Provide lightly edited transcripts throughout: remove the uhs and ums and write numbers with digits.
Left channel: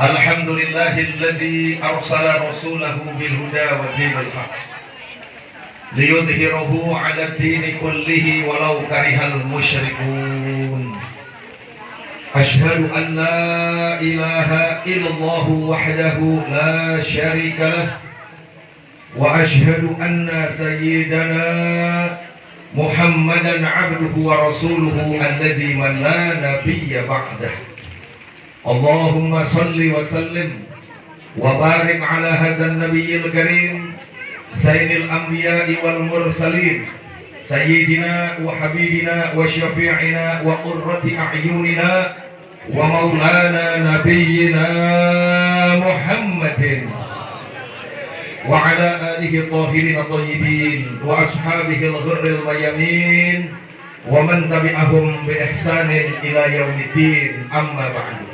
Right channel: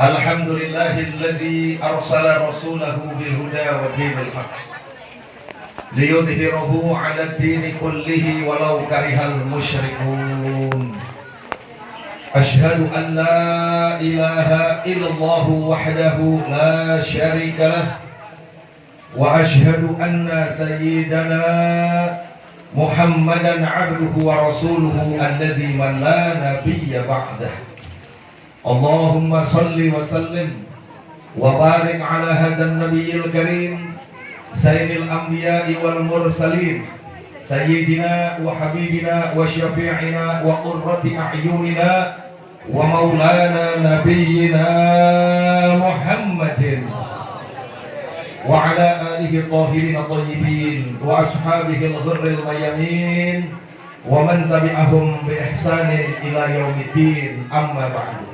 الحمد لله الذي أرسل رسوله بالهدى ودين الحق ليظهره على الدين كله ولو كره المشركون. أشهد أن لا إله إلا الله وحده لا شريك له، وأشهد أن سيدنا محمدا عبده ورسوله الذي من لا نبي بعده. اللهم صل وسلم وبارك على هذا النبي الكريم سيد الأنبياء والمرسلين سيدنا وحبيبنا وشفيعنا وقرة أعيننا ومولانا نبينا محمد وعلى آله الطاهرين الطيبين وأصحابه الغر الميامين ومن تبعهم بإحسان إلى يوم الدين. أما بعد.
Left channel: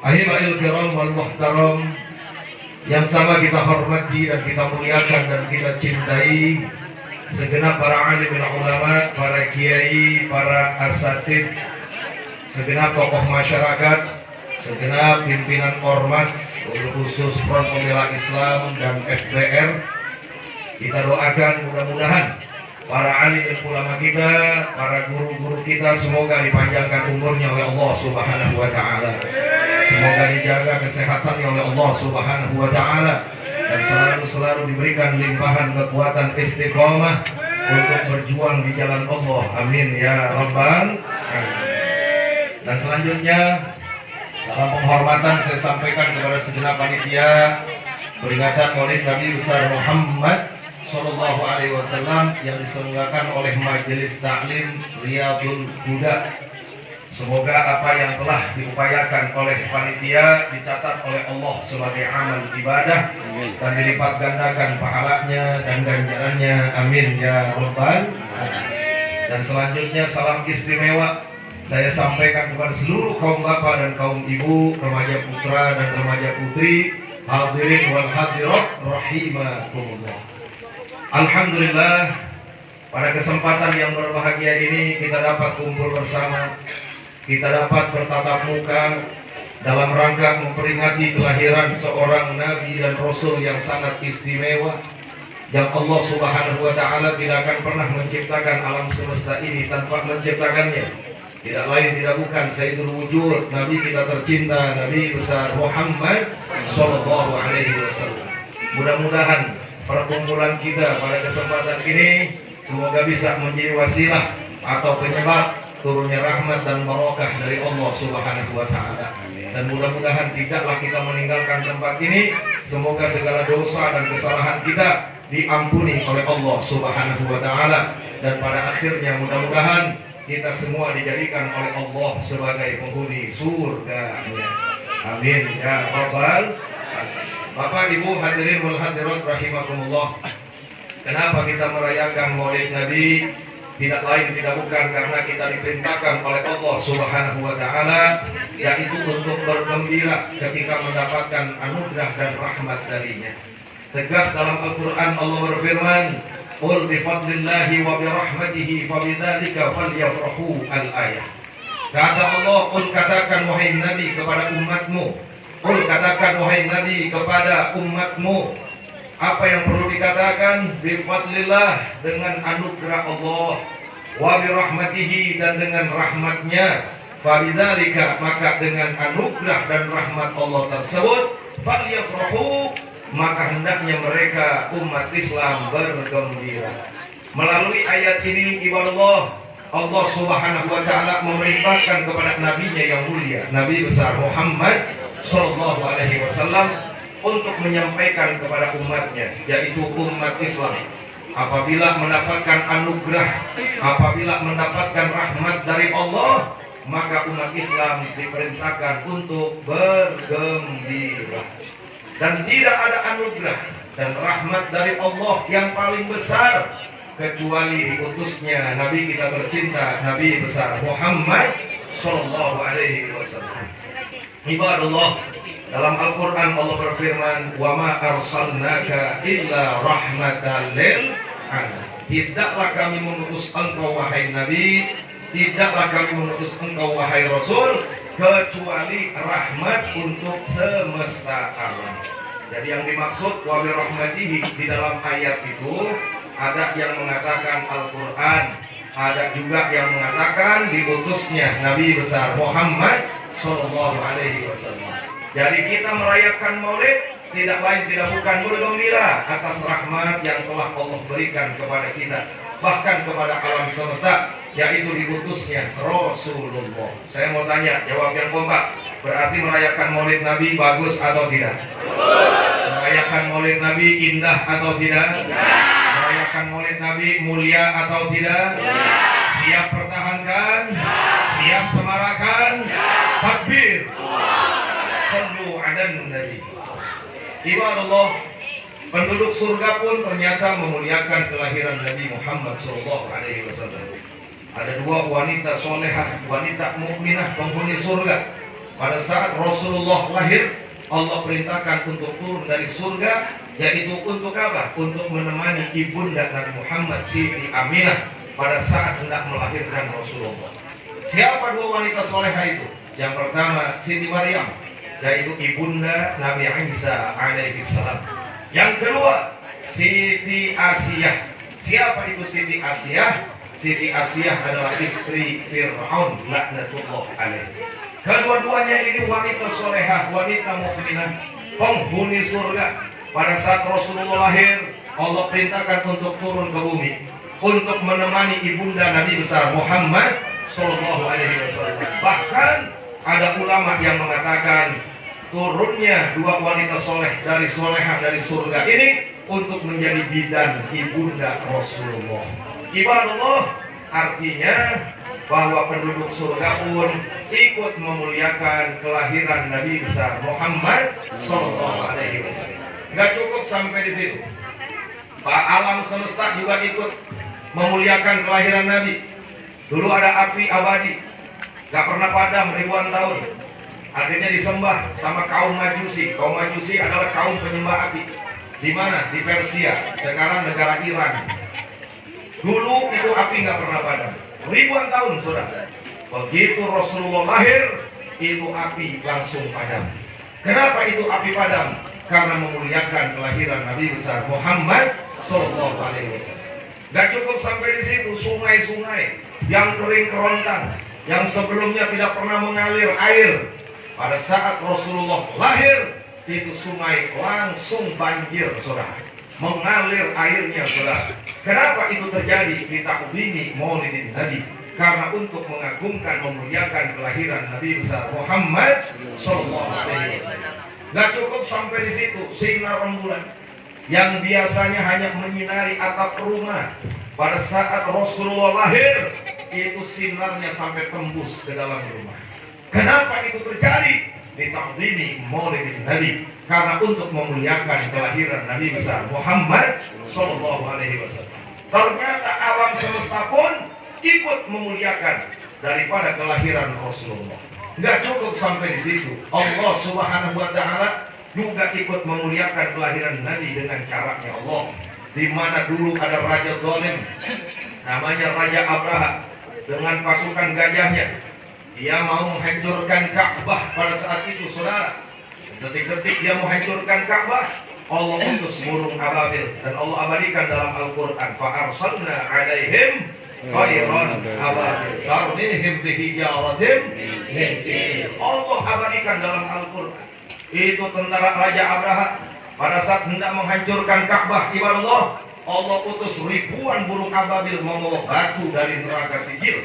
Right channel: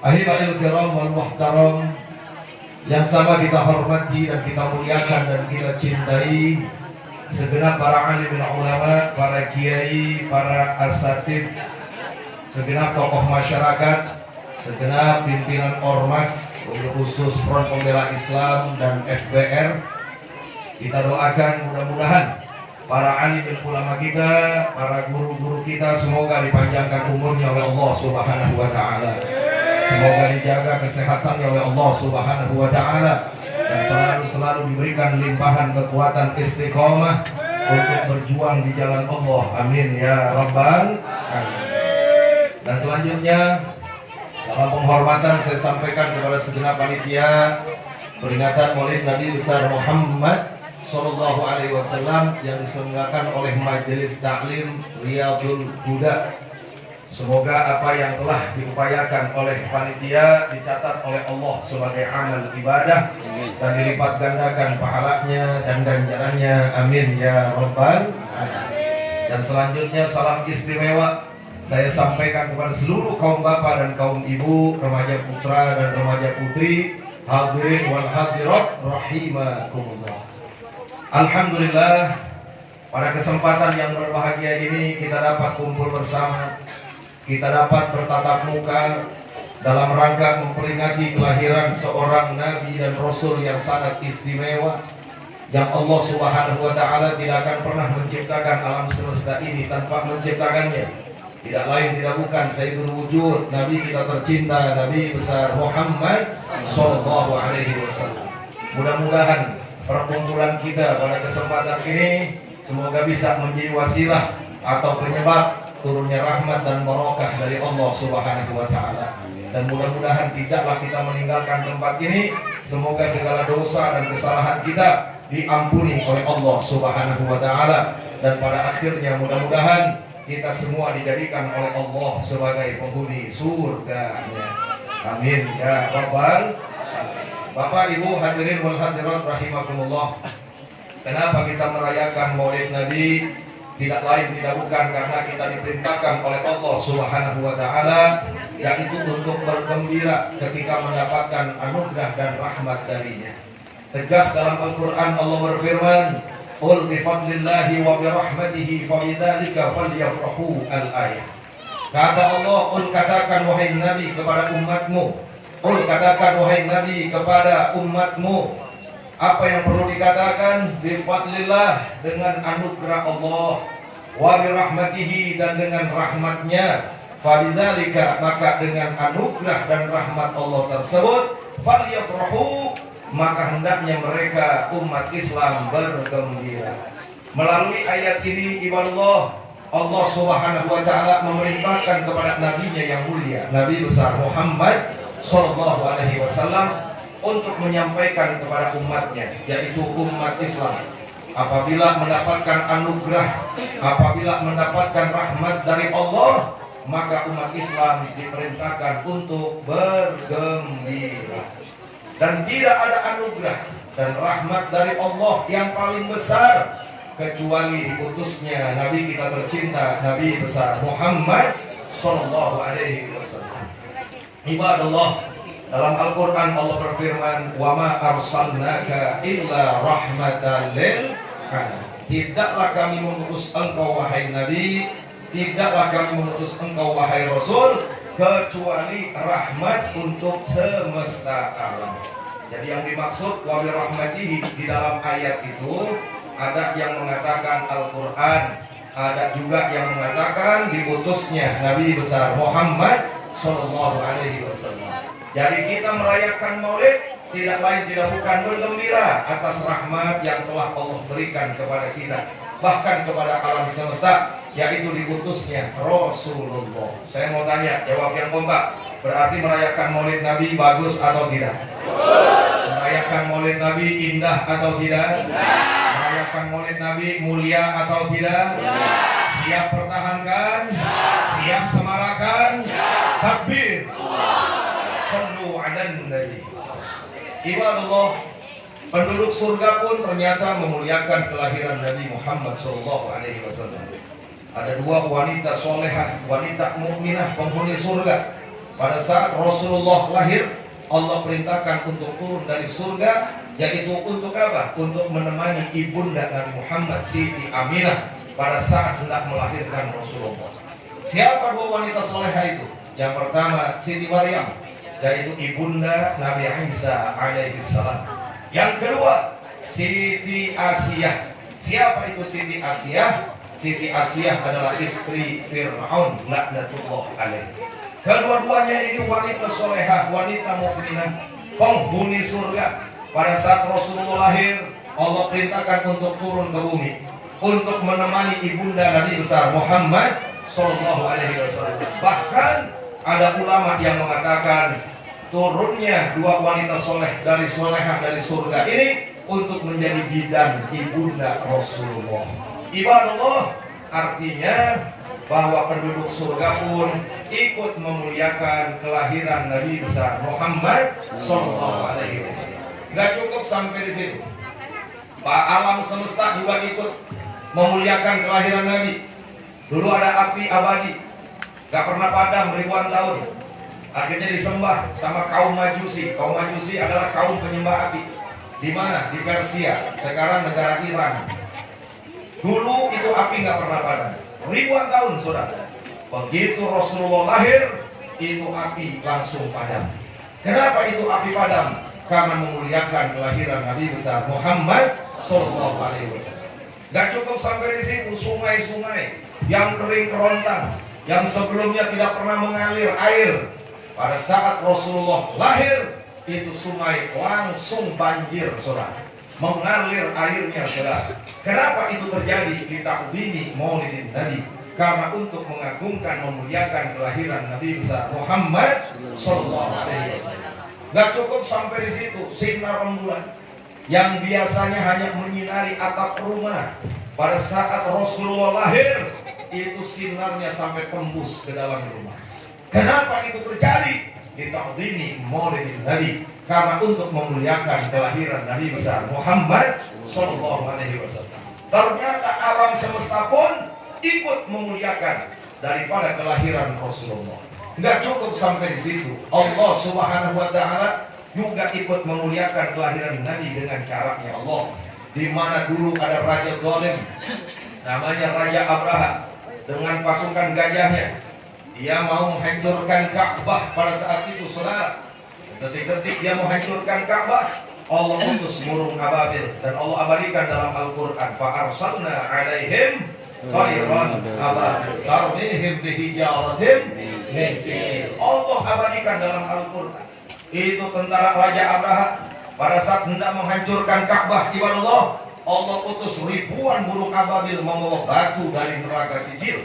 Ahibahil kiram wal muhtaram, yang sama kita hormati dan kita muliakan dan kita cintai segenap para alim ulama, para kiai, para asatid, segenap tokoh masyarakat, segenap pimpinan ormas, khusus Front Pembela Islam dan FPR. Kita doakan mudah-mudahan para alim ulama kita, para guru-guru kita semoga dipanjangkan umurnya oleh Allah Subhanahu wa taala. Semoga dijaga kesehatannya oleh Allah Subhanahu wa taala dan selalu diberikan limpahan kekuatan istiqomah untuk berjuang di jalan Allah. Amin ya rabbal alamin. Dan selanjutnya salam penghormatan saya sampaikan kepada segenap panitia peringatan Maulid Nabi besar Muhammad Sallallahu Alaihi Wasallam yang diselenggarakan oleh Majelis Taklim Riyadul Huda. Semoga apa yang telah diupayakan oleh panitia dicatat oleh Allah sebagai amal ibadah dan dilipat gandakan pahalanya dan ganjarannya. Amin ya rabbal alamin. Dan selanjutnya salam istimewa saya sampaikan kepada seluruh kaum bapak dan kaum ibu, remaja putra dan remaja putri, hadirin wal hadirat rahimakumullah. Alhamdulillah, pada kesempatan yang berbahagia ini kita dapat kumpul bersama, kita dapat bertatap muka dalam rangka memperingati kelahiran seorang nabi dan rasul yang sangat istimewa, yang Allah Subhanahu wa taala tidak akan pernah menciptakan alam semesta ini tanpa menciptakannya. Tidak lain tidak bukan Sayyidul Wujud, nabi kita tercinta, nabi besar Muhammad sallallahu alaihi wasallam. Mudah-mudahan perkumpulan kita pada kesempatan ini semoga bisa menjadi wasilah atau penyebab turunnya rahmat dan barokah dari Allah Subhanahu wa taala. Dan mudah-mudahan tidaklah kita meninggalkan tempat ini, semoga segala dosa dan kesalahan kita diampuni oleh Allah Subhanahu wa taala, dan pada akhirnya mudah-mudahan kita semua dijadikan oleh Allah sebagai penghuni surga-Nya. Amin ya rabbal alamin. Bapak Ibu hadirin wal hadirat rahimakumullah. Kenapa kita merayakan Maulid Nabi? Tidak lain tidak bukan karena kita diperintahkan oleh Allah Subhanahu wa taala, yaitu untuk bergembira ketika mendapatkan anugerah dan rahmat darinya. Tegas dalam Al-Qur'an Allah berfirman, "Qul bi fadlillahi wa bi rahmatihi fabidzalika falyafrahu." Al-ayah. Kata Allah, "Qul katakan wahai Nabi kepada umatmu." Qul katakan wahai Nabi kepada umatmu. Apa yang perlu dikatakan? Bifadlillah, dengan anugerah Allah, wa birahmatihi, dan dengan rahmatnya, fabidzalika, maka dengan anugerah dan rahmat Allah tersebut, falyafrahu, maka hendaknya mereka umat Islam bergembira. Melalui ayat ini ibadallah, Allah Subhanahu wa taala memerintahkan kepada nabinya yang mulia, Nabi besar Muhammad sallallahu alaihi wasallam, untuk menyampaikan kepada umatnya, yaitu umat Islam, apabila mendapatkan anugerah, apabila mendapatkan rahmat dari Allah, maka umat Islam diperintahkan untuk bergembira. Dan tidak ada anugerah dan rahmat dari Allah yang paling besar kecuali diutusnya Nabi kita tercinta, Nabi besar Muhammad sallallahu alaihi wasallam. Ibadallah, dalam Al-Quran Allah berfirman, "Wa ma arsalnaka illa rahmatan lil alamin." Tidaklah kami mengutus engkau wahai Nabi, tidaklah kami mengutus engkau wahai Rasul, kecuali rahmat untuk semesta alam. Jadi yang dimaksud wa bi rahmatihi di dalam ayat itu ada yang mengatakan Al-Quran, ada juga yang mengatakan diutusnya Nabi besar Muhammad Sallallahu Alaihi Wasallam. Jadi kita merayakan Maulid tidak lain tidak bukan bergembira atas rahmat yang telah Allah berikan kepada kita, bahkan kepada alam semesta, yaitu diutusnya Rasulullah. Saya mau tanya, jawab yang kompak. Berarti merayakan Maulid Nabi bagus atau tidak? Merayakan Maulid Nabi indah atau tidak? Merayakan Maulid Nabi mulia atau tidak? Siap pertahankan? Siap semarakan? Takbir! Sallu ala Nabi. Ibadallah, penduduk surga pun ternyata memuliakan kelahiran Nabi Muhammad SAW. Ada dua wanita solehah, wanita mukminah penghuni surga. Pada saat Rasulullah lahir, Allah perintahkan untuk turun dari surga, yaitu untuk apa? Untuk menemani ibunda Nabi Muhammad, Siti Aminah, pada saat hendak melahirkan Rasulullah. Siapa dua wanita solehah itu? Yang pertama Siti Maryam, yaitu ibunda Nabi Isa alaihi salam. Yang kedua Siti Asiyah. Siapa itu Siti Asiyah? Siti Asiyah adalah istri Fir'aun laknatullah alaih. Kedua-duanya ini wanita solehah, wanita mukminah, penghuni surga. Pada saat Rasulullah lahir, Allah perintahkan untuk turun ke bumi untuk menemani ibunda Nabi besar Muhammad Sallallahu Alaihi Wasallam. Bahkan ada ulama yang mengatakan turunnya dua wanita soleh dari solehah dari surga ini untuk menjadi bidan ibunda Rasulullah. Ibadallah, artinya bahwa penduduk surga pun ikut memuliakan kelahiran Nabi besar Muhammad Sallallahu Alaihi Wasallam. Gak cukup sampai di situ, alam semesta juga ikut memuliakan kelahiran Nabi. Dulu ada api abadi, gak pernah padam ribuan tahun. Akhirnya disembah sama kaum Majusi. Kaum Majusi adalah kaum penyembah api. Di mana? Di Persia. Sekarang negara Iran. Dulu itu api nggak pernah padam. Ribuan tahun, saudara. Begitu Rasulullah lahir, itu api langsung padam. Kenapa itu api padam? Karena memuliakan kelahiran Nabi besar Muhammad Sallallahu Alaihi Wasallam. Gak cukup sampai di situ, sungai-sungai yang kering kerontang, yang sebelumnya tidak pernah mengalir air, pada saat Rasulullah lahir, itu sungai langsung banjir, saudara. Mengalir airnya, saudara. Kenapa itu terjadi? Ditakdimi Maulidin Nabi. Karena untuk mengagungkan, memuliakan kelahiran Nabi besar Muhammad Sallallahu Alaihi Wasallam. Gak cukup sampai di situ, sinar rembulan yang biasanya hanya menyinari atap rumah, pada saat Rasulullah lahir, itu sinarnya sampai tembus ke dalam rumah. Kenapa itu terjadi? Ditakdimi Maulidin Nabi. Karena untuk memuliakan kelahiran Nabi besar Muhammad Sallallahu Alaihi Wasallam. Ternyata alam semesta pun ikut memuliakan daripada kelahiran Rasulullah. Nggak cukup sampai di situ, Allah Subhanahu Wa Taala juga ikut memuliakan kelahiran Nabi dengan caranya Allah. Di mana dulu ada raja zalim, namanya Raja Abraha, dengan pasukan gajahnya. Dia mau menghancurkan Ka'bah pada saat itu, saudara. Detik-detik dia menghancurkan Ka'bah, Allah utus burung ababil, dan Allah abadikan dalam Al-Quran. Fa'arsalna alaihim khairan ababil tarmihim bihijaratin min sijil. Allah abadikan dalam Al-Quran. Itu tentara Raja Abraha pada saat hendak menghancurkan Ka'bah, ibadallah, Allah utus ribuan burung ababil membawa batu dari neraka sijil.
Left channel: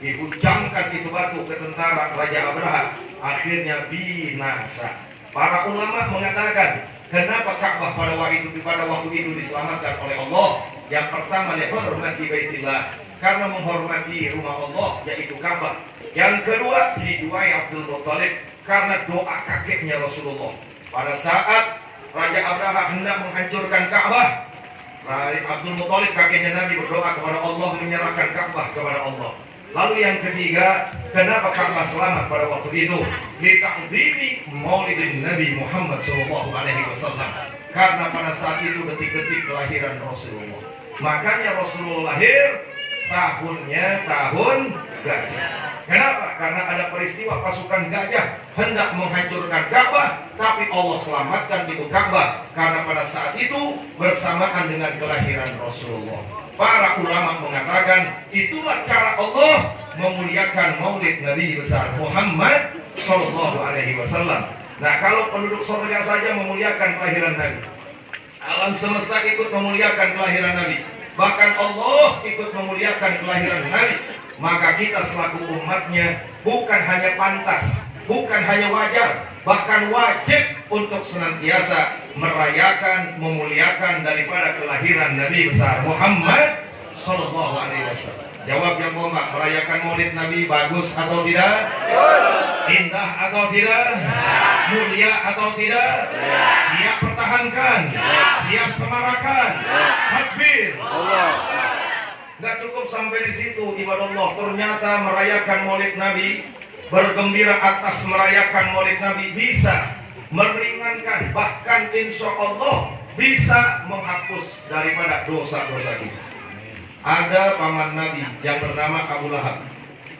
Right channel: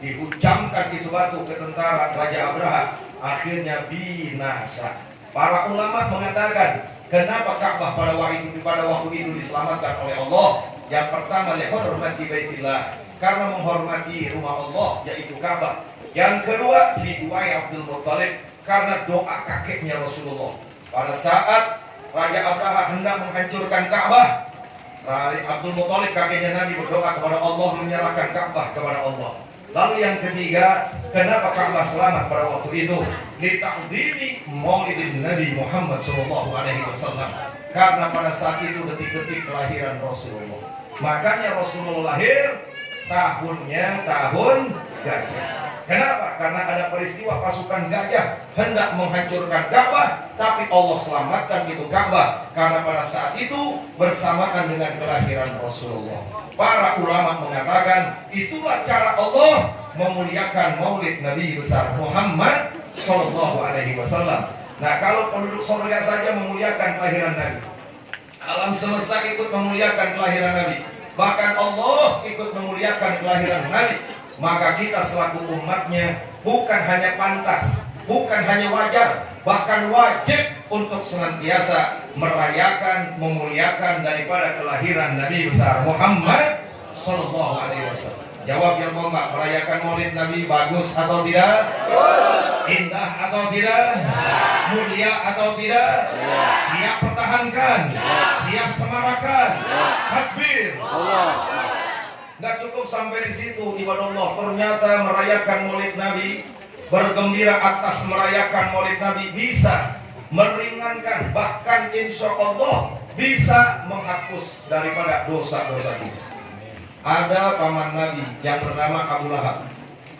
Dihuncamkan itu batu ke tentara Raja Abraha, akhirnya binasa. Para ulama mengatakan, kenapa Ka'bah pada waktu itu diselamatkan oleh Allah? Yang pertama, dihormati Baitillah, karena menghormati rumah Allah, yaitu Ka'bah. Yang kedua, diduai Abdul Muttalib, karena doa kakeknya Rasulullah. Pada saat Raja Abraha hendak menghancurkan Ka'bah, Abdul Muttalib kakeknya Nabi berdoa kepada Allah, menyerahkan Ka'bah kepada Allah. Lalu yang ketiga, kenapa Ka'bah selamat pada waktu itu? Ditakdimi Maulidin Nabi Muhammad Sallallahu Alaihi Wasallam. Karena pada saat itu detik-detik kelahiran Rasulullah. Makanya Rasulullah lahir tahunnya tahun gajah. Kenapa? Karena ada peristiwa pasukan gajah hendak menghancurkan Ka'bah, tapi Allah selamatkan itu Ka'bah karena pada saat itu bersamaan dengan kelahiran Rasulullah. Para ulama mengatakan itulah cara Allah memuliakan maulid Nabi besar Muhammad Sallallahu Alaihi Wasallam. Nah, kalau penduduk surga saja memuliakan kelahiran Nabi, alam semesta ikut memuliakan kelahiran Nabi, bahkan Allah ikut memuliakan kelahiran Nabi, maka kita selaku umatnya bukan hanya pantas, bukan hanya wajar, bahkan wajib untuk senantiasa merayakan, memuliakan daripada kelahiran Nabi besar Muhammad Sallallahu Alaihi Wasallam. Jawab yang kompak, merayakan maulid Nabi bagus atau tidak? Indah atau tidak? Mulia atau tidak? Siap pertahankan? Siap semarakan? Takbir! Nggak cukup sampai di situ, ibadah Allah. Ternyata merayakan maulid Nabi, bergembira atas merayakan maulid Nabi bisa meringankan, bahkan insya Allah bisa menghapus daripada dosa-dosa kita. Ada paman Nabi yang bernama Abu Lahab.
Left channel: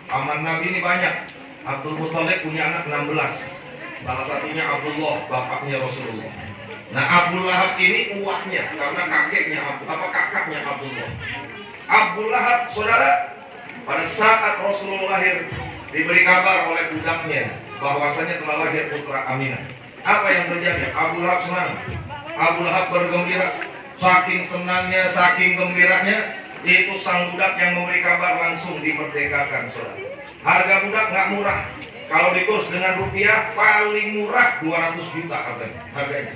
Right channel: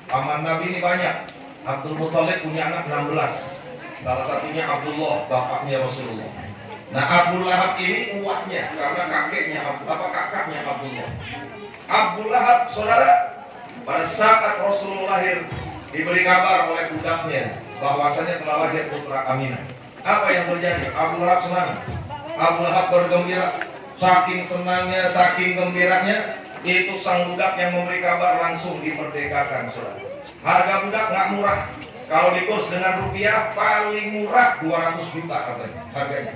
Paman Nabi ini banyak. Abdul Muthalib punya anak 16. Salah satunya Abdullah, bapaknya Rasulullah. Nah, Abu Lahab ini uaknya karena kakaknya Abdullah. Abu Lahab, saudara, pada saat Rasulullah lahir diberi kabar oleh budaknya bahwasanya telah lahir putra Aminah. Apa yang terjadi? Abu Lahab senang. Abu Lahab bergembira. Saking senangnya, saking gembiranya, itu sang budak yang memberi kabar langsung dimerdekakan, saudara. Harga budak nggak murah. Kalau dikurs dengan rupiah, paling murah 200 juta harganya.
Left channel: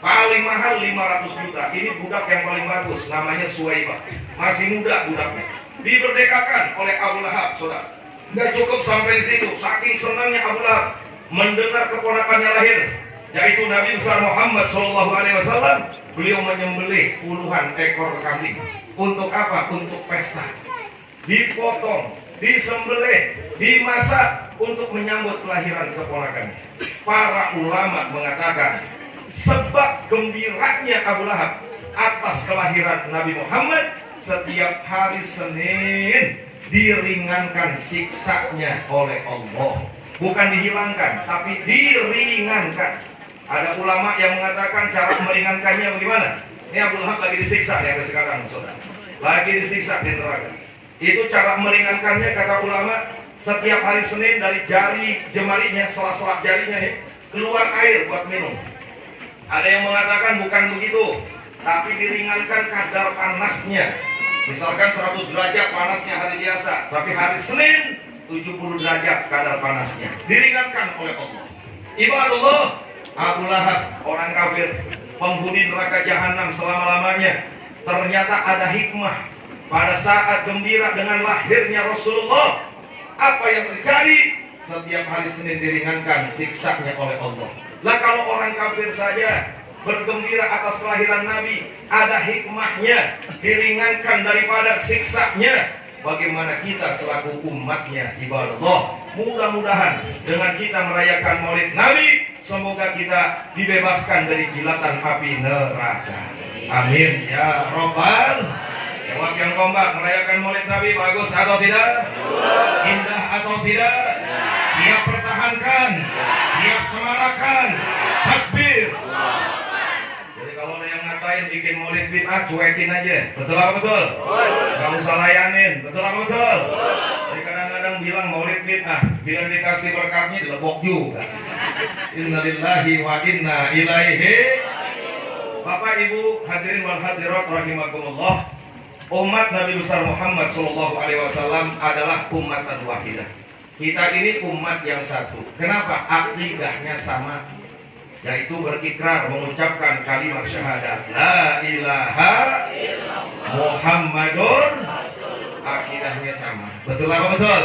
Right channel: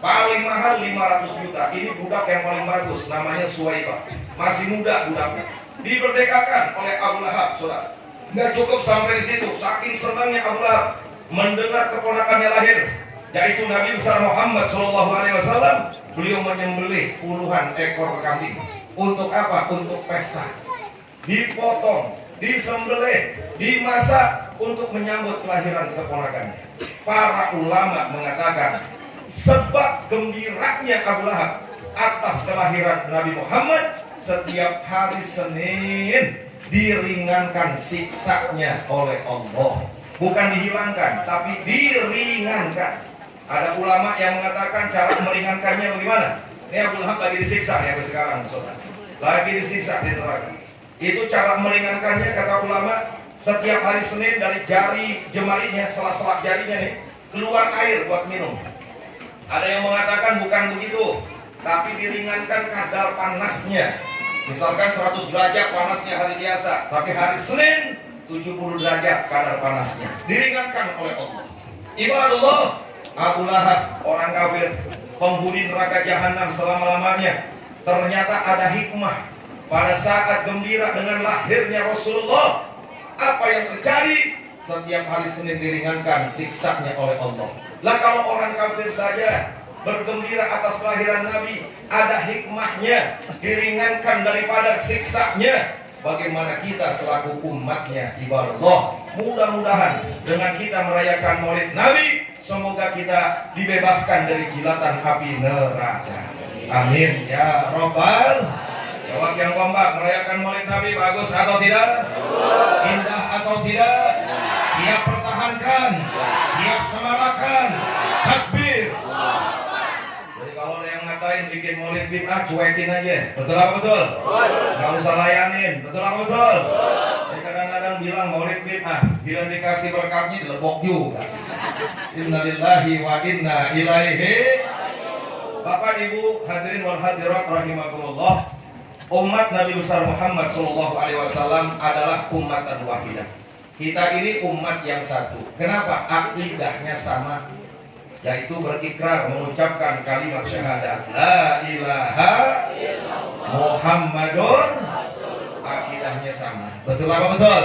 Paling mahal 500 juta. Ini budak yang paling bagus, namanya Suwaibah. Masih muda budaknya. Dimerdekakan oleh Abu Lahab, saudara. Nggak cukup sampai di situ. Saking senangnya Abu Lahab mendengar keponakannya lahir, yaitu Nabi besar Muhammad SAW. Beliau menyembelih puluhan ekor kambing. Untuk apa? Untuk pesta. Dipotong, disembelih, dimasak untuk menyambut kelahiran keponakannya. Para ulama mengatakan sebab gembiranya Abu Lahab atas kelahiran Nabi Muhammad, setiap hari Senin diringankan siksanya oleh Allah. Bukan dihilangkan, tapi diringankan. Ada ulama yang mengatakan cara meringankannya bagaimana? Ini Abu Lahab lagi disiksa nih sekarang, saudara. Lagi disiksa di neraka. Itu cara meringankannya, kata ulama, setiap hari Senin dari jari jemarinya, sela-sela jarinya nih, keluar air buat minum. Ada yang mengatakan bukan begitu, tapi diringankan kadar panasnya. Misalkan 100 derajat panasnya hari biasa, tapi hari Senin 70 derajat kadar panasnya. Diringankan oleh Allah. Ibadallah, Abu Lahab, orang kafir, penghuni neraka jahanam selama-lamanya. Ternyata ada hikmah. Pada saat gembira dengan lahirnya Rasulullah, apa yang terjadi? Setiap hari Senin diringankan siksanya oleh Allah. Lah kalau orang kafir saja bergembira atas kelahiran Nabi, ada hikmahnya, diringankan daripada siksanya. Bagaimana kita selaku umatnya, ibadah Allah? Mudah-mudahan dengan kita merayakan maulid Nabi, semoga kita dibebaskan dari jilatan api neraka. Amin ya Rabbal. Jawab yang kompak, merayakan maulid Nabi bagus atau tidak? Indah atau tidak? Siap pertahankan, siap semarakan, takbir. Jadi kalau ada yang ngatain bikin maulid bid'ah, cuekin aja. Betul apa betul? Gak usah layanin. Betul apa betul? Jadi kadang-kadang bilang maulid bid'ah, bila dikasih berkatnya dilebok juga. Innalillahi wa inna ilaihi. Bapak Ibu hadirin wal hadirat rahimakumullah, umat Nabi besar Muhammad SAW adalah umatan wahidah. Kita ini umat yang satu. Kenapa? Akidahnya sama, yaitu berikrar mengucapkan kalimat syahadat la ilaha Muhammadun. Akidahnya sama. Betul apa betul?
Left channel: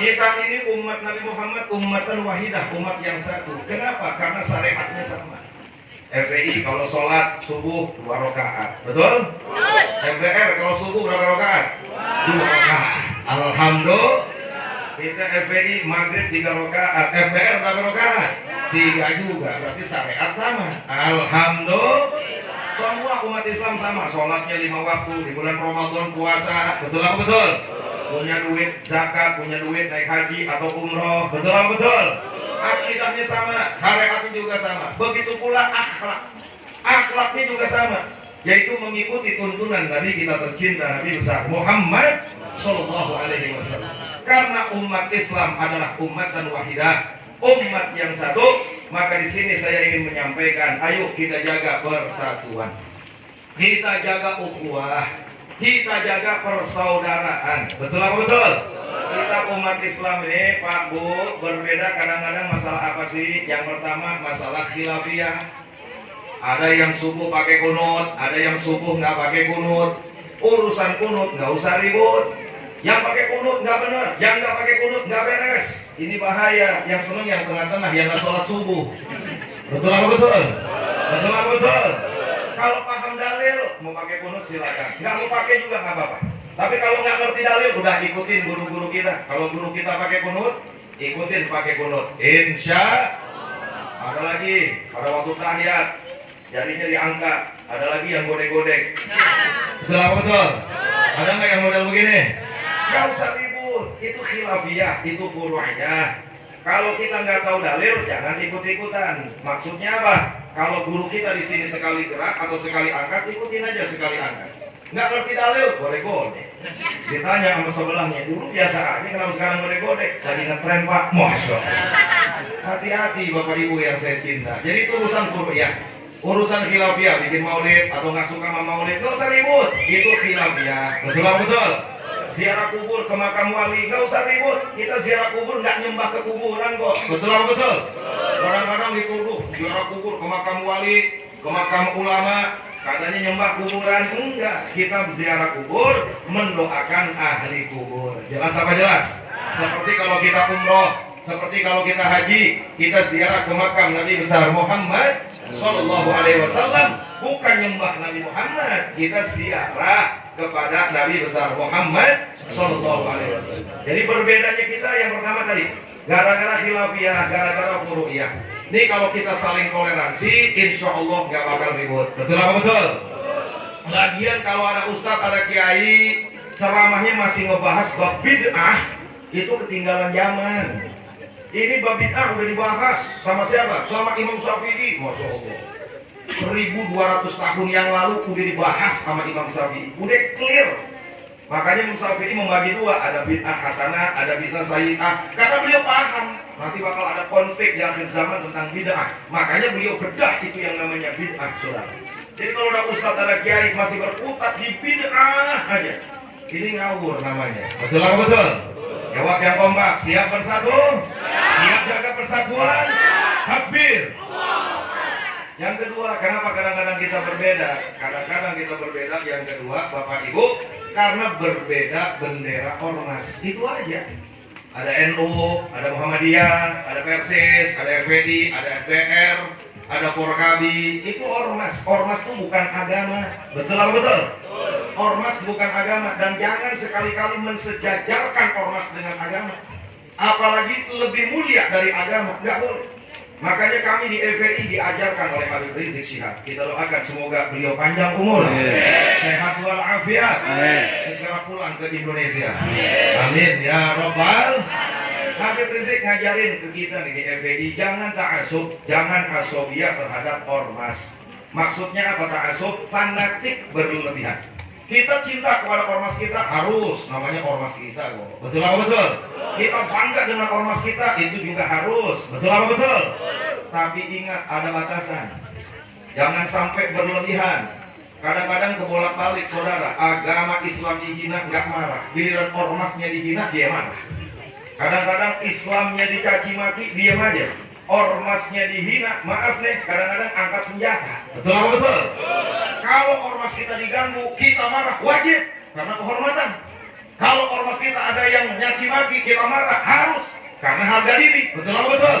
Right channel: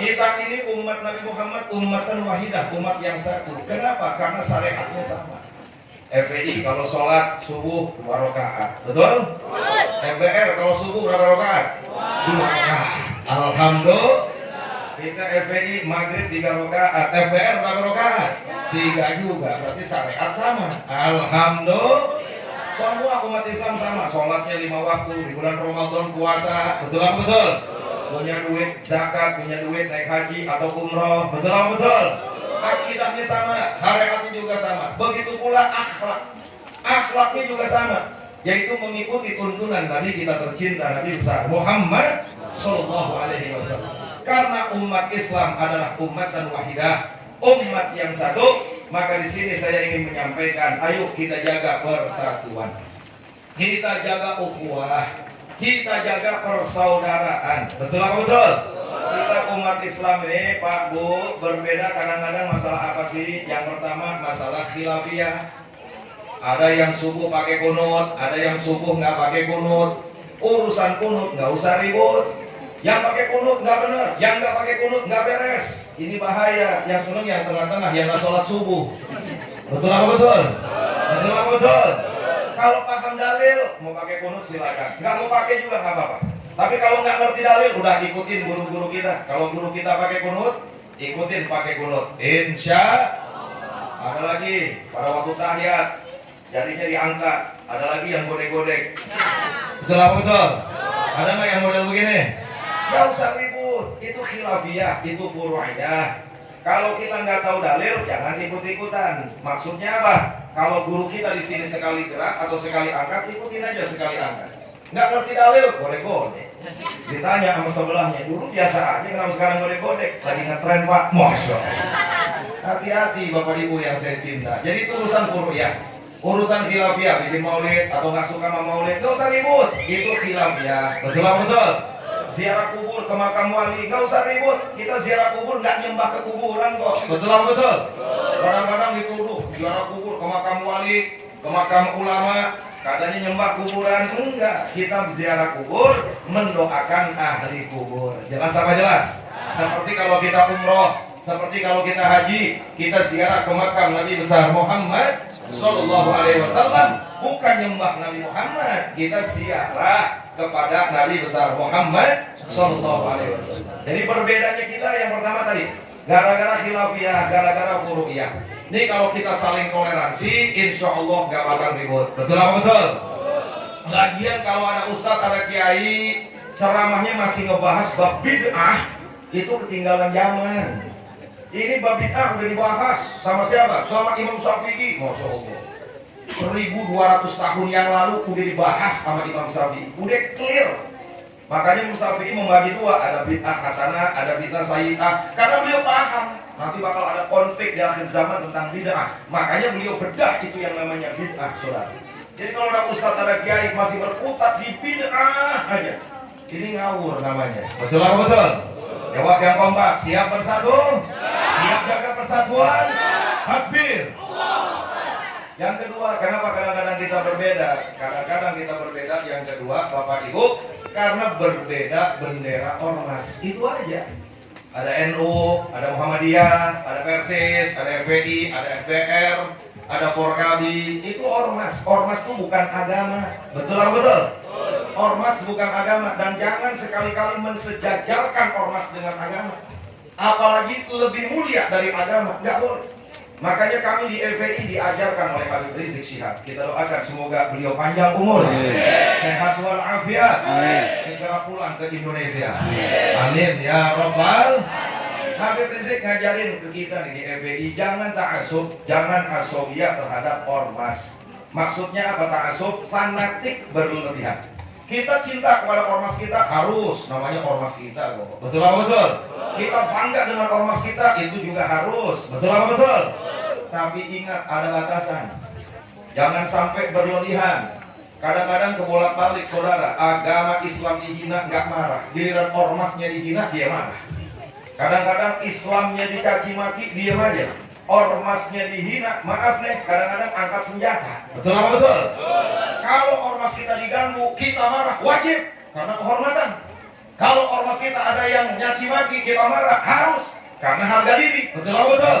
Kita ini umat Nabi Muhammad, umatan wahidah, umat yang satu. Kenapa? Karena syariatnya sama. FPI kalau sholat subuh 2 rakaat, betul? MBR kalau subuh berapa rakaat? 2 rakaat. Alhamdulillah. Kita FPI maghrib 3 rakaat, MBR berapa rakaat? 3 juga, berarti syariat sama. Alhamdulillah. Semua umat Islam sama, sholatnya 5 waktu, di bulan Ramadan puasa, betul apa betul? punya duit zakat, punya duit naik haji atau umroh. Betul apa betul? Akidahnya sama, syariatnya juga sama. Begitu pula akhlak. Akhlaknya juga sama, yaitu mengikuti tuntunan Nabi kita tercinta, Nabi besar Muhammad Sallallahu Alaihi Wasallam. Karena umat Islam adalah umat dan wahidah, umat yang satu, maka di sini saya ingin menyampaikan, ayo kita jaga persatuan, kita jaga ukhuwah, kita jaga persaudaraan. Betul apa betul? Kita umat Islam ini, Pak Bu, berbeda kadang-kadang masalah apa sih? Yang pertama masalah khilafiyah. Ada yang subuh pakai kunut, ada yang subuh nggak pakai kunut. Urusan kunut nggak usah ribut. Yang pakai kunut nggak benar, yang nggak pakai kunut nggak beres. Ini bahaya. Yang seneng yang tengah-tengah, yang nggak sholat subuh. Betul apa betul? Betul apa betul? Kalau paham dalil, mau pakai kunut silakan. Nggak mau pakai juga nggak apa-apa. Tapi kalau nggak ngerti dalil, udah ikutin guru-guru kita. Kalau guru kita pakai kunut, ikutin pakai kunut. Insya ada lagi pada waktu tahiyat, jadinya diangkat. Ada lagi yang godek-godek. Betul apa betul? Ada nggak yang model begini? Nggak usah ribut. Itu khilafiyah, itu furu'iyah. Kalau kita nggak tahu dalil, jangan ikut-ikutan. Maksudnya apa? Kalau guru kita di sini sekali gerak atau sekali angkat, ikutin aja sekali angkat. Nggak ngerti dalil, godek-godek. Ditanya sama sebelahnya, dulu biasa aja, kenapa sekarang godek-godek? Lagi ngetren Pak, Masya Allah. Hati-hati Bapak Ibu yang saya cinta. Jadi itu urusan furu'iyah. Urusan khilafiyah, bikin maulid atau nggak suka sama maulid, nggak usah ribut. Itu khilafiyah. Betul apa betul? Ziarah kubur ke makam wali, nggak usah ribut. Kita ziarah kubur nggak nyembah ke kuburan kok. Betul apa betul? Kadang-kadang dituduh ziarah kubur ke makam wali, ke makam ulama, katanya nyembah kuburan. Enggak, kita ziarah kubur mendoakan ahli kubur. Jelas apa jelas? Seperti kalau kita umroh, seperti kalau kita haji, kita ziarah ke makam Nabi besar Muhammad Sallallahu Alaihi Wasallam, bukan nyembah Nabi Muhammad, kita ziarah kepada Nabi besar Muhammad Sallallahu Alaihi Wasallam. Jadi perbedaannya kita yang pertama tadi, gara-gara khilafiyah, gara-gara furu'iyah. Ini kalau kita saling toleransi, insya Allah nggak bakal ribut. Betul apa betul? Lagian kalau ada ustadz, ada kiai, ceramahnya masih ngebahas bab bid'ah, itu ketinggalan zaman. Ini bab bid'ah udah dibahas sama siapa? Sama Imam Syafi'i, Masya Allah. 1200 tahun yang lalu udah dibahas sama Imam Syafi'i, udah clear. Makanya Imam Syafi'i membagi dua, ada bid'ah hasanah, ada bid'ah sayyi'ah. Karena beliau paham nanti bakal ada konflik di akhir zaman tentang bid'ah. Makanya beliau bedah itu yang namanya bid'ah, saudara. Jadi kalau ada ustadz, ada kiai masih berkutat di bid'ah aja, ini ngawur namanya. Betul apa betul? Jawab yang kompak, siap bersatu, siap jaga persatuan, takbir. Yang kedua, kenapa kadang-kadang kita berbeda? Kadang-kadang kita berbeda, yang kedua, Bapak Ibu, karena berbeda bendera ormas. Itu aja. Ada NU, ada Muhammadiyah, ada Persis, ada FPI, ada FDR, ada Forkabi. Itu ormas. Ormas itu bukan agama. Betul apa betul? Ormas bukan agama. Dan jangan sekali-kali mensejajarkan ormas dengan agama. Apalagi lebih mulia dari agama. Nggak boleh. Makanya kami di FPI diajarkan oleh Habib Rizik Syihab. Kita doakan semoga beliau panjang umur, sehat walafiat, segera pulang ke Indonesia. Amin ya Rabbal. Habib Rizik ngajarin ke kita nih di FPI, jangan ta'asub, jangan asobiyah terhadap ormas. Maksudnya apa ta'asub? Fanatik berlebihan. Kita cinta kepada ormas kita, harus, namanya ormas kita kok. Betul apa betul? Kita bangga dengan ormas kita, itu juga harus. Betul apa betul? Tapi ingat, ada batasan. Jangan sampai berlebihan. Kadang-kadang kebolak-balik saudara, agama Islam dihina nggak marah, giliran ormasnya dihina dia marah. Kadang-kadang Islamnya dicaci maki, diam aja. Ormasnya dihina, maaf nih, kadang-kadang angkat senjata. Betul apa betul? Kalau ormas kita diganggu, kita marah, wajib, karena kehormatan. Kalau ormas kita ada yang nyaci maki, kita marah, harus, karena harga diri. Betul apa betul?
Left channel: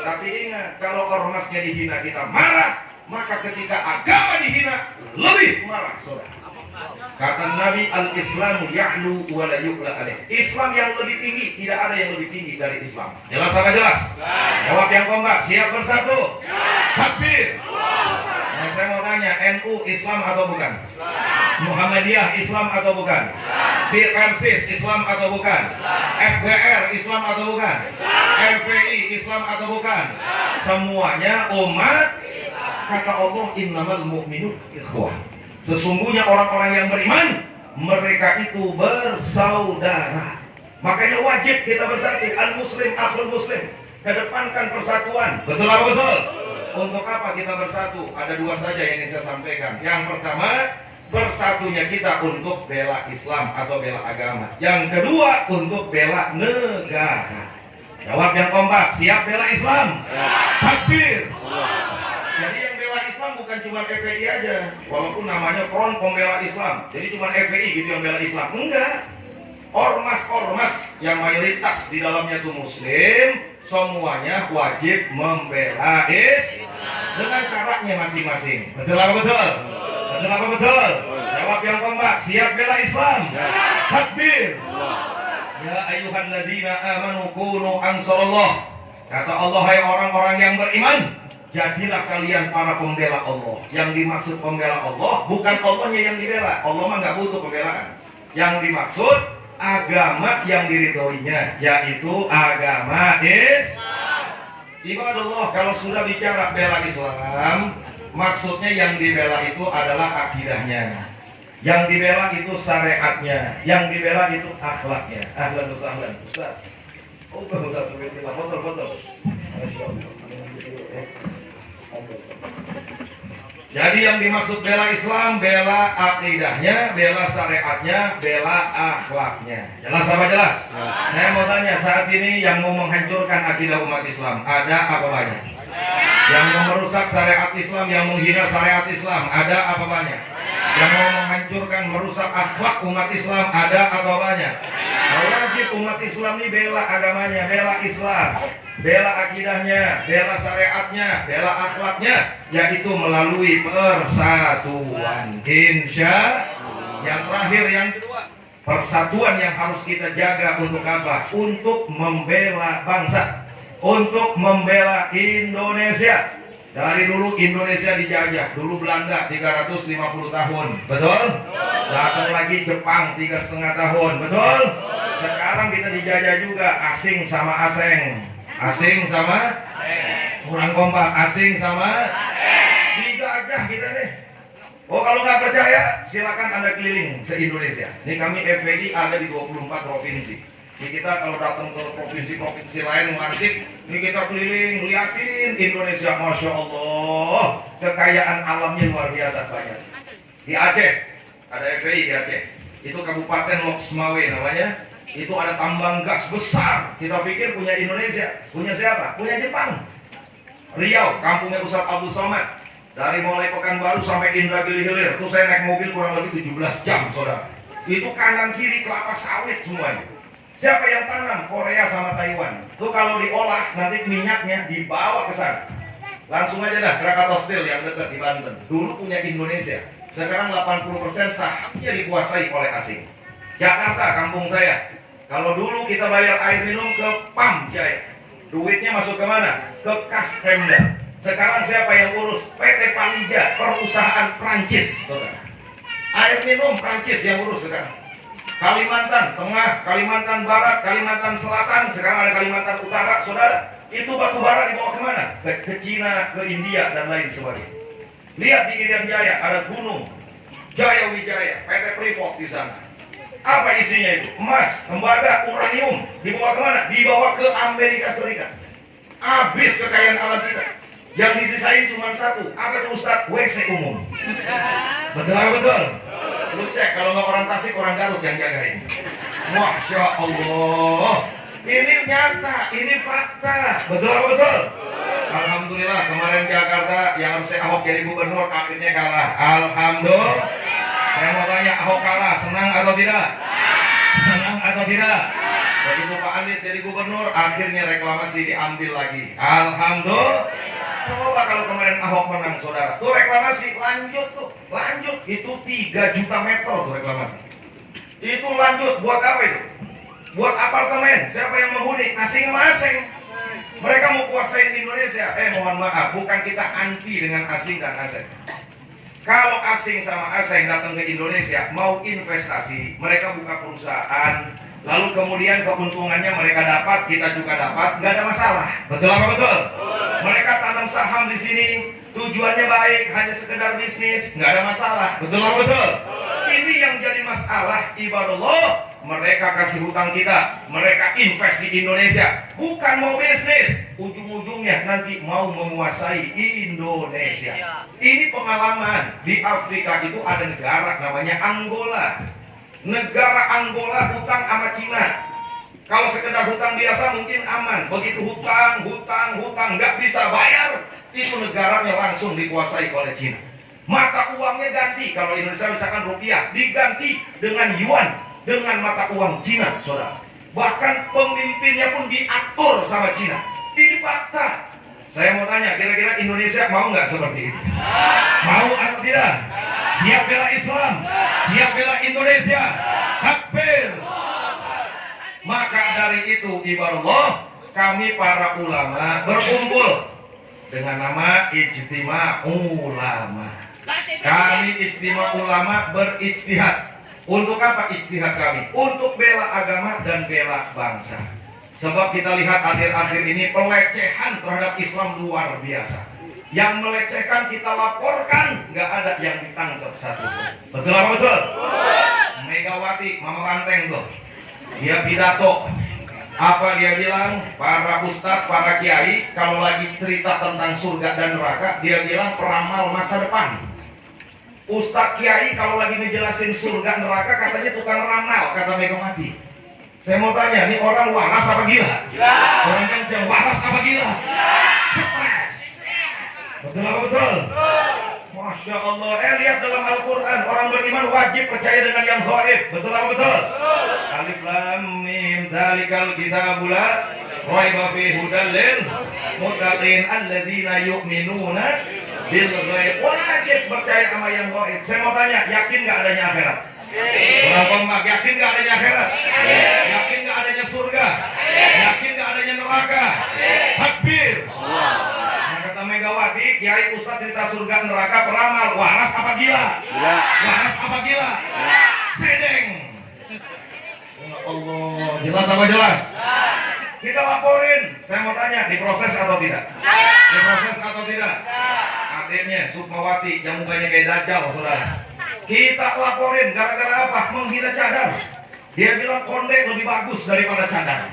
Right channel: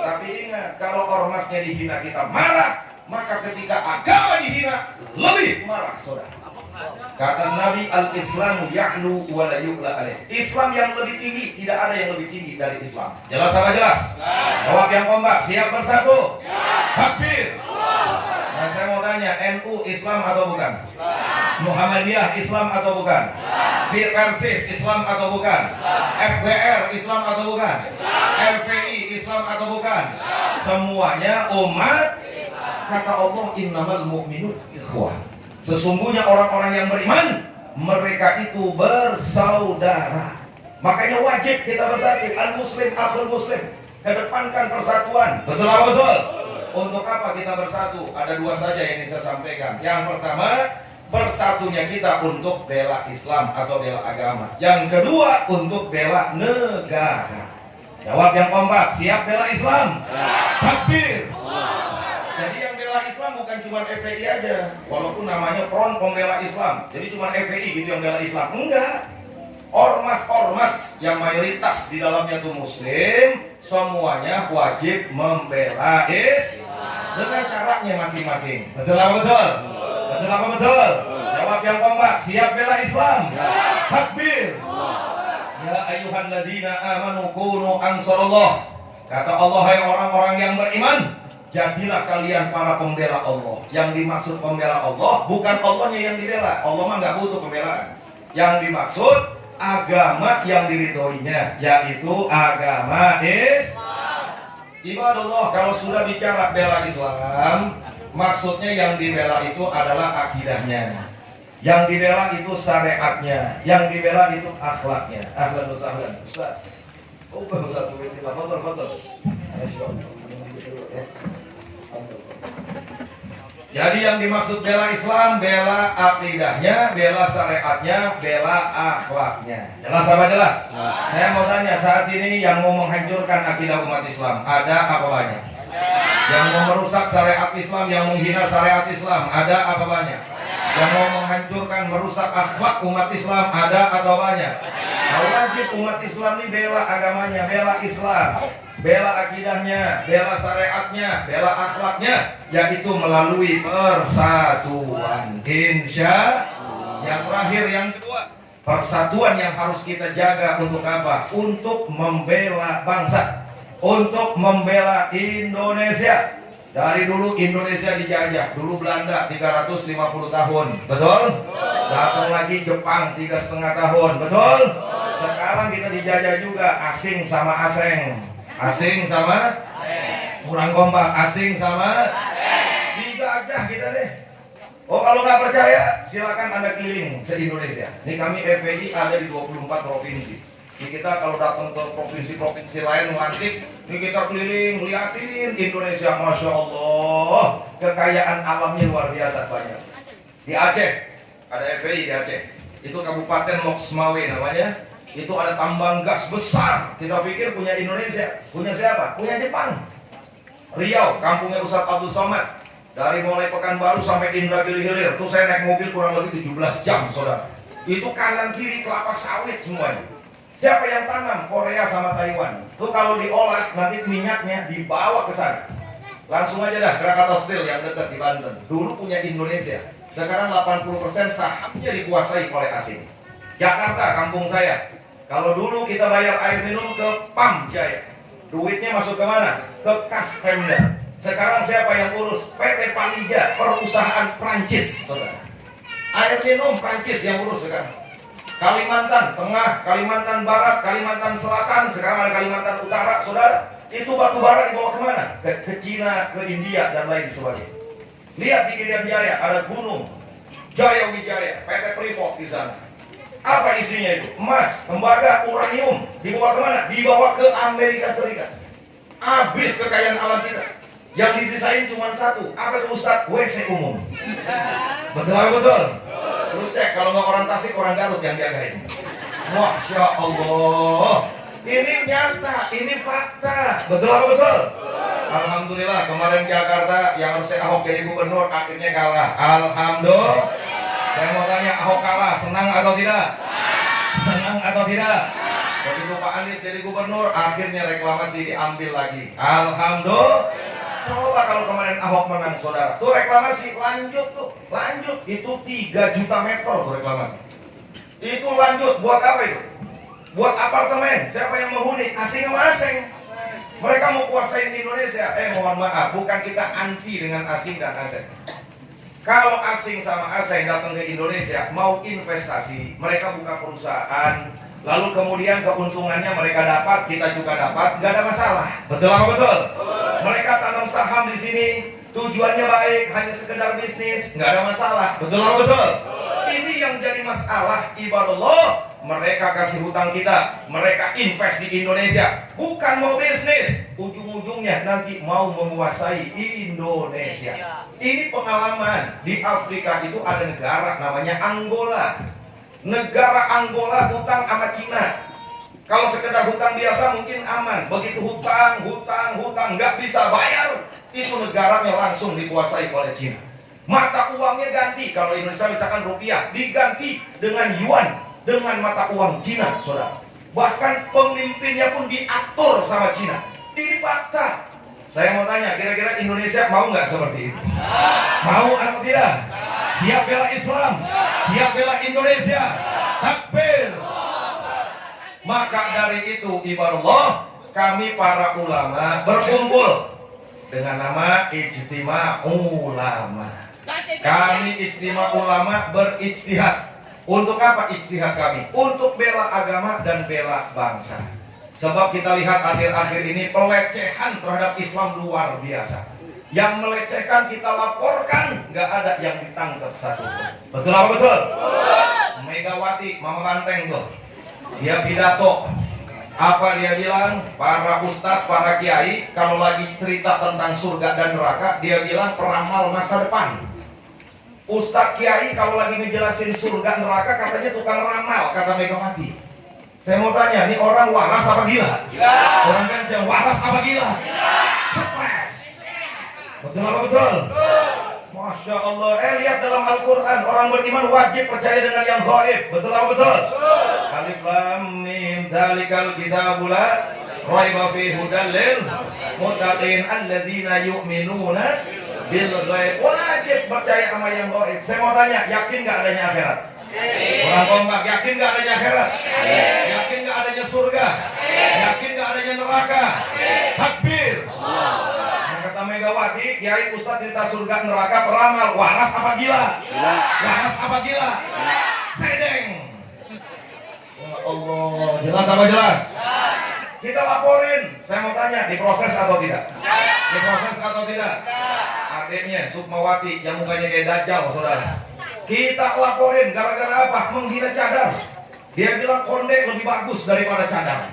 Tapi ingat, kalau ormasnya dihina, kita marah, maka ketika agama dihina, lebih marah, saudara. Kata Nabi, al-Islamu ya'lu wa la yu'la alaih. Islam yang lebih tinggi, tidak ada yang lebih tinggi dari Islam. Jelas apa jelas? Jawab yang kompak, siap bersatu. Takbir. Nah, saya mau tanya, NU Islam atau bukan? Muhammadiyah Islam atau bukan? Persis Islam atau bukan? FBR Islam atau bukan? FPI Islam atau bukan? Semuanya umat. Kata Allah, innamal mu'minun ikhwah. Sesungguhnya orang-orang yang beriman, mereka itu bersaudara. Makanya wajib kita bersatu. Al-Muslim, akhul Muslim. Kedepankan persatuan. Betul apa betul? Untuk apa kita bersatu? Ada dua saja yang ingin saya sampaikan. Yang pertama, bersatunya kita untuk bela Islam atau bela agama. Yang kedua, untuk bela negara. Jawab yang kompak, siap bela Islam? Takbir. Jadi yang bela Islam bukan cuma FPI aja. Walaupun namanya Front Pembela Islam. Jadi cuma FPI gitu yang bela Islam. Enggak. Ormas-ormas yang mayoritas di dalamnya itu Muslim, semuanya wajib membela Islam dengan caranya masing-masing. Betul apa betul? Betul apa betul? Jawab yang kompak, siap bela Islam? Takbir. Ya ayyuhalladzina amanu kunu ansarullah. Kata Allah, hai orang-orang yang beriman, jadilah kalian para pembela Allah. Yang dimaksud pembela Allah bukan Allahnya yang dibela. Allah mah nggak butuh pembelaan. Yang dimaksud agama yang diridhoinya, yaitu agama Islam. Ibadallah, kalau sudah bicara bela Islam, maksudnya yang dibela itu adalah akidahnya, yang dibela itu syariatnya, yang dibela itu akhlaknya. Ahlan wa sahlan. Ustaz. Oh, Ustaz, foto. Jadi yang dimaksud bela Islam, bela akidahnya, bela syariatnya, bela akhlaknya. Jelas apa jelas? Saya mau tanya, saat ini yang mau menghancurkan akidah umat Islam, ada apa banyak? Yang mau merusak syariat Islam, yang menghina syariat Islam, ada apa banyak? Yang mau menghancurkan, merusak akhlak umat Islam, ada apa banyak? Wajib umat Islam ini bela agamanya, bela Islam, bela akidahnya, bela syariatnya, bela akhlaknya, yaitu melalui persatuan. Insya Allah. Yang terakhir, yang kedua, persatuan yang harus kita jaga untuk apa? Untuk membela bangsa, untuk membela Indonesia. Dari dulu Indonesia dijajah, dulu Belanda 350 tahun, betul? Datang lagi Jepang 3,5 tahun, betul? Sekarang kita dijajah juga, asing sama asing. Asing sama kurang kompak, asing sama dijajah kita deh. Oh, kalau nggak percaya, silakan Anda keliling se-Indonesia. Ini kami FPI ada di 24 provinsi. Ini kita kalau datang ke provinsi-provinsi lain ngantip, ini kita keliling, liatin Indonesia, Masya Allah, kekayaan alamnya luar biasa banyak. Di Aceh, ada FPI di Aceh, itu Kabupaten Loksmawe namanya, itu ada tambang gas besar. Kita pikir punya Indonesia, punya siapa? Punya Jepang. Riau, kampungnya Ustaz Abdul Somad, dari mulai Pekanbaru sampai Indragiri Hilir, itu saya naik mobil kurang lebih 17 jam, saudara. Itu kanan kiri kelapa sawit semuanya. Siapa yang tanam? Korea sama Taiwan. Itu kalau diolah nanti minyaknya dibawa ke sana. Langsung aja dah Krakatau Steel yang dekat di Banten. Dulu punya Indonesia. Sekarang 80% sahamnya dikuasai oleh asing. Jakarta, kampung saya. Kalau dulu kita bayar air minum ke PAM Jaya, duitnya masuk ke mana? Ke kas Pemda. Sekarang siapa yang urus? PT Palija, perusahaan Prancis, saudara. Air minum Prancis yang urus sekarang. Kalimantan Tengah, Kalimantan Barat, Kalimantan Selatan, sekarang ada Kalimantan Utara, saudara. Itu batu bara dibawa kemana? Ke Cina, ke India, dan lain sebagainya. Lihat di Irian Jaya, ada gunung Jaya Wijaya, PT Freeport di sana. Apa isinya itu? Emas, tembaga, uranium. Dibawa kemana? Dibawa ke Amerika Serikat. Habis kekayaan alam kita. Yang disisain cuma satu. Apa itu Ustaz? WC umum. Betul apa betul? Terus cek, kalau nggak orang Tasik, orang Garut yang jagain. Masya Allah. Ini nyata, ini fakta. Betul apa betul? Alhamdulillah, kemarin Jakarta yang harusnya Ahok jadi gubernur akhirnya kalah. Alhamdulillah. Saya mau tanya, Ahok kalah, senang atau tidak? Senang atau tidak? Begitu Pak Anies jadi gubernur, akhirnya reklamasi diambil lagi. Alhamdulillah. Coba kalau kemarin Ahok menang, saudara, tuh reklamasi lanjut tuh, lanjut. Itu 3 juta meter tuh reklamasi. Itu lanjut, buat apa itu? Buat apartemen. Siapa yang menghuni? Asing sama asing. Mereka mau kuasain Indonesia. Mohon maaf, bukan kita anti dengan asing dan asing. Kalau asing sama asing datang ke Indonesia mau investasi, mereka buka perusahaan, lalu kemudian keuntungannya mereka dapat, kita juga dapat, nggak ada masalah. Betul apa betul? Mereka tanam saham di sini, tujuannya baik, hanya sekedar bisnis, nggak ada masalah. Betul apa betul? Ini yang jadi masalah, ibadallah. Mereka kasih hutang kita, mereka invest di Indonesia, bukan mau bisnis, ujung-ujungnya nanti mau menguasai Indonesia. Ini pengalaman. Di Afrika itu ada negara namanya Angola. Negara Angola hutang sama Cina. Kalau sekedar hutang biasa mungkin aman. Begitu hutang nggak bisa bayar, itu negaranya langsung dikuasai oleh Cina. Mata uangnya ganti. Kalau Indonesia misalkan rupiah, diganti dengan yuan, dengan mata uang Cina, saudara. Bahkan pemimpinnya pun diatur sama Cina. Ini fakta. Saya mau tanya, kira-kira Indonesia mau nggak seperti itu? Mau atau tidak? Siap bela Islam? Siap bela Indonesia? Takbir! Maka dari itu, ibadallah, kami para ulama berkumpul dengan nama Ijtima Ulama. Kami Ijtima Ulama berijtihad. Untuk apa ijtihad kami? Untuk bela agama dan bela bangsa. Sebab kita lihat akhir-akhir ini pelecehan terhadap Islam luar biasa. Yang melecehkan kita laporkan, nggak ada yang ditangkap satu. Betul apa betul? Megawati, Mama Banteng tuh, dia pidato. Apa dia bilang? Para ustadz, para kiai, kalau lagi cerita tentang surga dan neraka, dia bilang peramal masa depan. Ustadz kiai kalau lagi ngejelasin surga neraka katanya tukang ramal, kata Megawati. Saya mau tanya, ini orang waras apa gila? Orang yang waras apa gila? Stres. Betul apa betul? Masya Allah. Lihat dalam Al-Quran, orang beriman wajib percaya dengan yang gaib. Betul apa betul? Alif Lam Mim Dzalikal kitabul la raiba fihi hudal lil muttaqin alladzina yu'minuna bil ghaib. Wajib percaya sama yang gaib. Saya mau tanya, yakin nggak adanya akhirat? Orang kompak, yakin nggak adanya akhirat? Yakin nggak adanya surga? Yakin nggak adanya neraka? Takbir! Nah, kata Megawati, kiai ustadz cerita surga neraka peramal, waras apa gila? Waras apa gila? Sedeng. Ya Allah, jelas apa jelas? Kita laporin. Saya mau tanya, diproses atau tidak? Diproses atau tidak? Adiknya Sukmawati yang mukanya kayak dajjal, saudara. Kita laporin gara-gara apa? Menghina cadar. Dia bilang konde lebih bagus daripada cadar.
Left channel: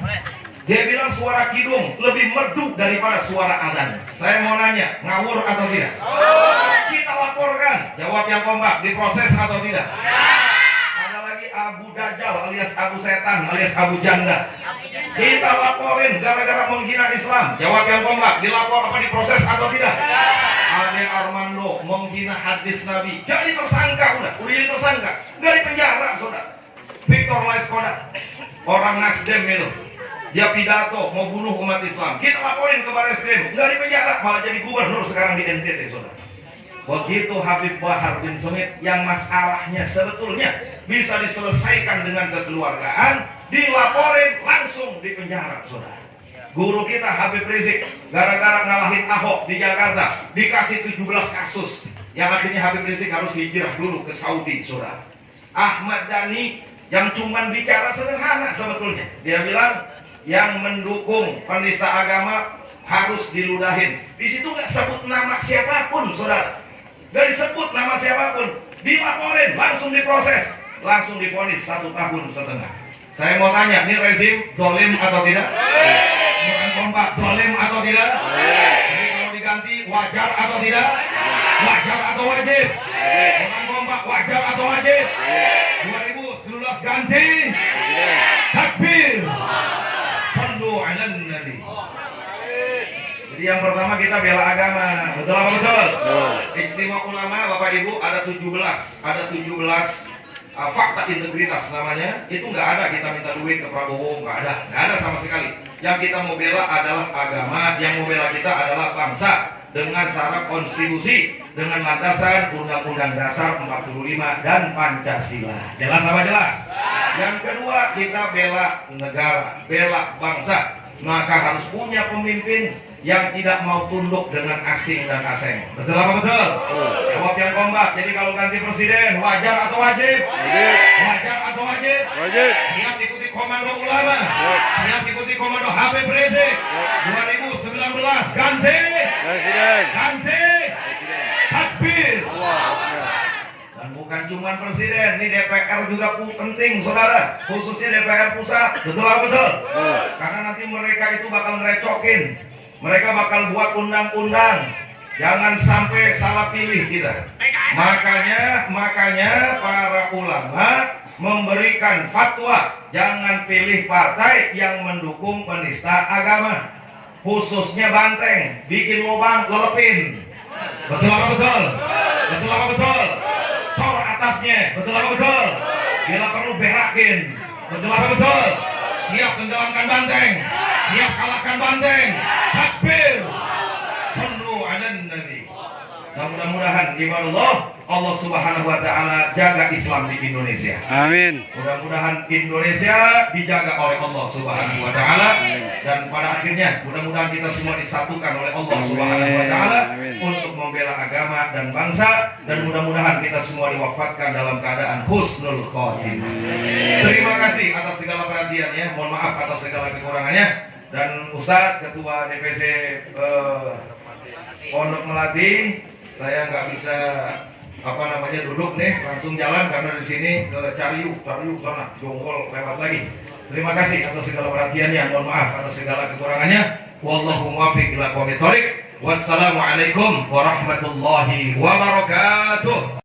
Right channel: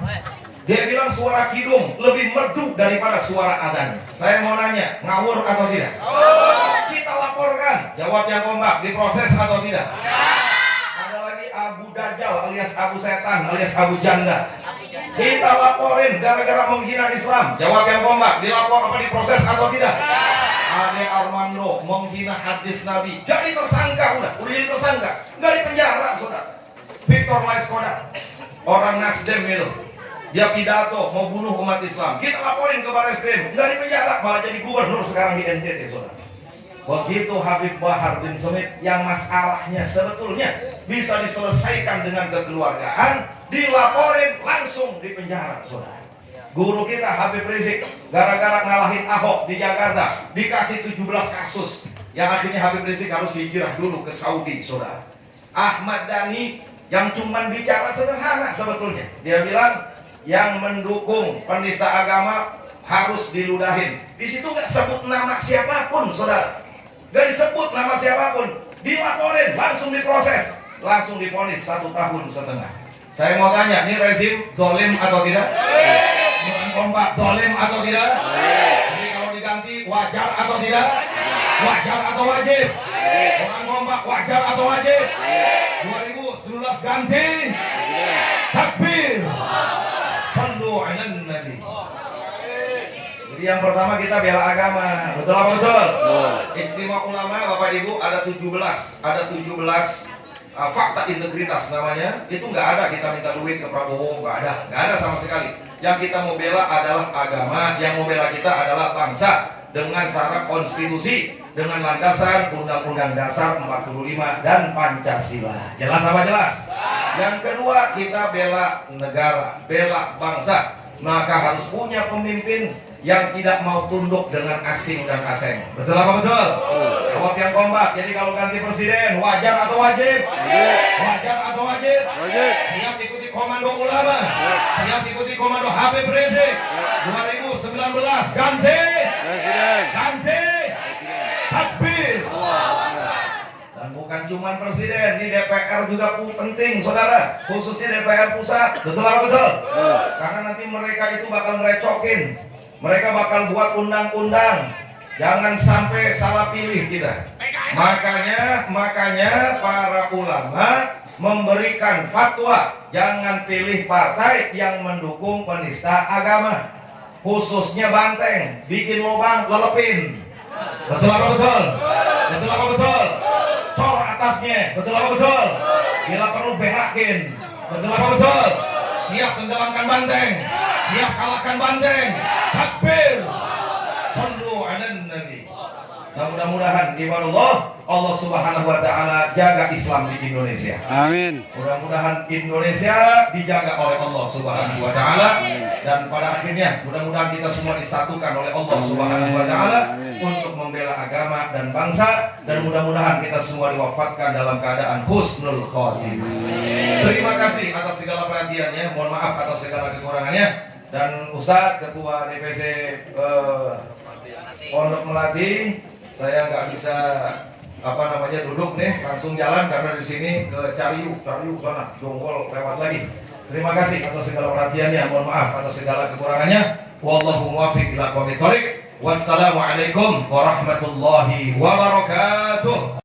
Dia bilang suara kidung lebih merdu daripada suara adzan. Saya mau nanya, ngawur atau tidak? Kita laporkan. Jawab yang kompak, diproses atau tidak? Ada lagi Abu Dajjal alias Abu Setan alias Abu Janda. Kita laporin gara-gara menghina Islam. Jawab yang kompak, dilapor apa diproses atau tidak? Ade Armando menghina hadis Nabi, jadi tersangka, udah jadi tersangka, nggak di penjara, saudara. Victor Laiskoda, orang Nasdem itu, dia pidato mau bunuh umat Islam, kita laporin ke Barreskrim, nggak di penjara, malah jadi gubernur sekarang di NTT, saudara. Begitu Habib Bahar bin Smith yang masalahnya sebetulnya bisa diselesaikan dengan kekeluargaan, dilaporin langsung di penjara, saudara. Guru kita Habib Rizik gara-gara ngalahin Ahok di Jakarta dikasih 17 kasus yang akhirnya Habib Rizik harus hijrah dulu ke Saudi, saudara. Ahmad Dhani yang cuman bicara sederhana sebetulnya, dia bilang yang mendukung penista agama harus diludahin. Di situ nggak sebut nama siapapun, saudara. Nggak disebut nama siapapun, dilaporin langsung diproses, langsung divonis 1,5 tahun. Saya mau tanya, ini rezim zalim atau tidak? Bukan kompak, zalim atau tidak? Jadi kalau diganti wajar atau tidak? Wajar atau wajib? Bukan kompak, wajar atau wajib? 2019 ganti. Takbir. Sallu alan nabi. Jadi yang pertama kita bela agama. Betul apa betul? Ijtima Ulama Bapak Ibu ada 17 fakta integritas namanya. Itu nggak ada kita minta duit ke Prabowo, nggak ada sama sekali. Yang kita mau bela adalah agama, yang mau bela kita adalah bangsa dengan syarat konstitusi, dengan landasan Undang-Undang Dasar 45 dan Pancasila. Jelas apa jelas? Yang kedua kita bela negara, bela bangsa. maka harus punya pemimpin yang tidak mau tunduk dengan asing dan asing. Betul apa betul? Jawab yang kompak. Jadi kalau ganti presiden, wajar atau wajib? Wajar atau wajib? Wajib. Siap ikuti komando ulama? Siap ikuti komando Habib Rizik? 2019 ganti Presiden. ganti takbir. Dan bukan cuma presiden, ini DPR juga penting saudara, khususnya DPR pusat. Betul apa betul? Karena nanti mereka itu bakal ngerecokin, mereka bakal buat undang-undang, jangan sampai salah pilih kita. Makanya para ulama memberikan fatwa, jangan pilih partai yang mendukung penista agama, khususnya banteng, bikin lubang, lelepin. Betul apa betul? Betul apa betul? Cor atasnya, betul apa betul? Bila perlu berakin, betul apa betul? Siap tenggelamkan banteng, siap kalahkan banteng. Takbir. Sallu ala nabi. Nah, mudah-mudahan ibadah Allah Subhanahu wa taala jaga Islam di Indonesia. Amin. Mudah-mudahan Indonesia dijaga oleh Allah Subhanahu wa taala, dan pada akhirnya mudah-mudahan kita semua disatukan oleh Allah Subhanahu wa taala untuk membela agama dan bangsa, dan mudah-mudahan kita semua diwafatkan dalam keadaan husnul khotimah. Terima kasih atas segala perhatiannya, mohon maaf atas segala kekurangannya, dan Ustadz Ketua DPC Pondok Melati, saya nggak bisa duduk nih, langsung jalan karena di sini ke Cariu sana, Jonggol lewat lagi. Terima kasih atas segala perhatiannya, mohon maaf atas segala kekurangannya. Wallahu muwaffiq ila aqwamit thoriq. Wassalamualaikum warahmatullahi wabarakatuh.